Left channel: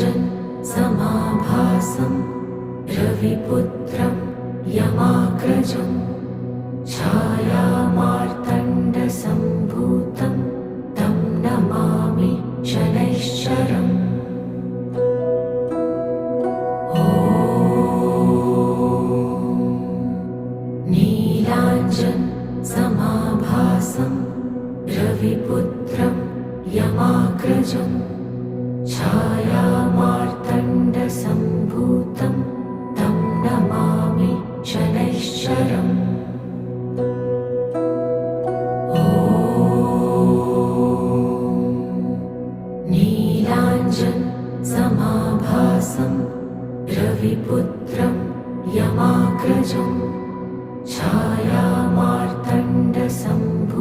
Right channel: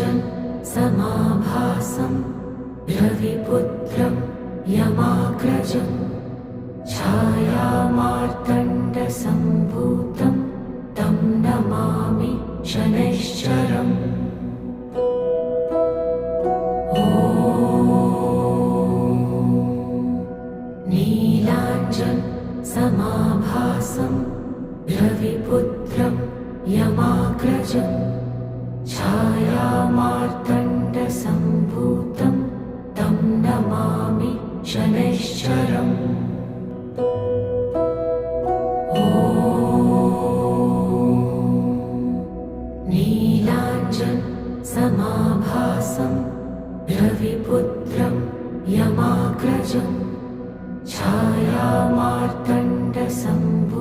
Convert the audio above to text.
समाभासं रविपुत्रं यमाग्रजं छायामार्तण्डसम्भूतं तं नमामि शनैश्चरम्। नीलाञ्जनसमाभासं रविपुत्रं यमाग्रजं छायामार्तण्डसम्भूतं तं नमामि शनैश्चरम्। नीलाञ्जनसमाभासं रविपुत्रं यमाग्रजं छायामार्तण्डसम्भूतं